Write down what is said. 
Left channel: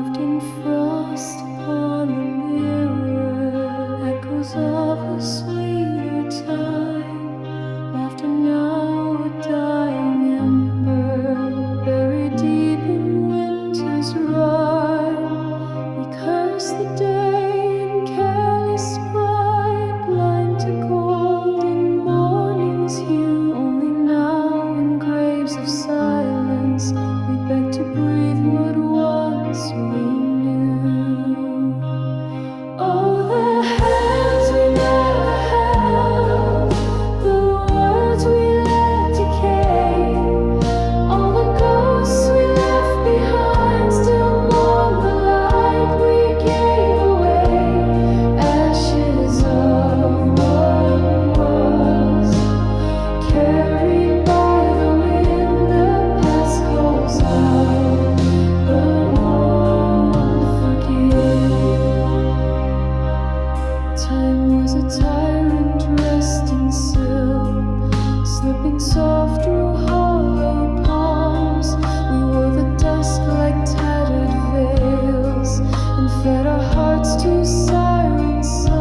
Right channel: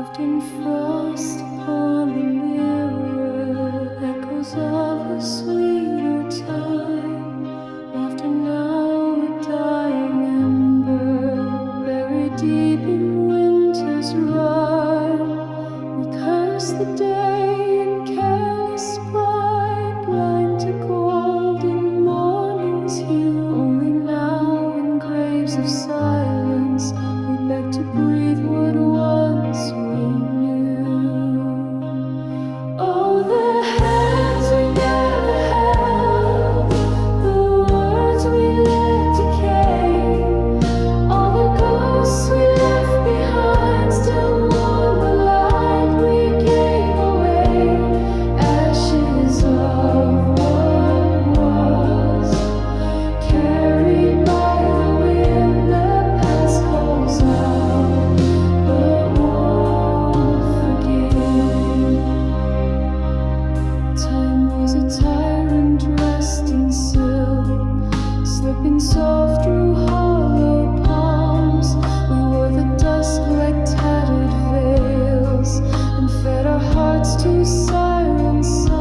Carved in frost upon the mirror, echoes of a sweeter time. Laughter now a dying ember, buried deep in winter's rime. We curse the day in careless pride, blind to gold in morning's hue. Only now in graves of silence we beg to breathe what once we knew. Oh, the hands we never held, the words we let decay, all the ghosts we left behind still mourn the light we gave away. Ashes of what was, carried by the wind, the past calls out, but won't forgive. Time was a tyrant dressed in silk, slipping soft through hollow palms. We wore the dusk like tattered veils and fed our hearts to siren songs.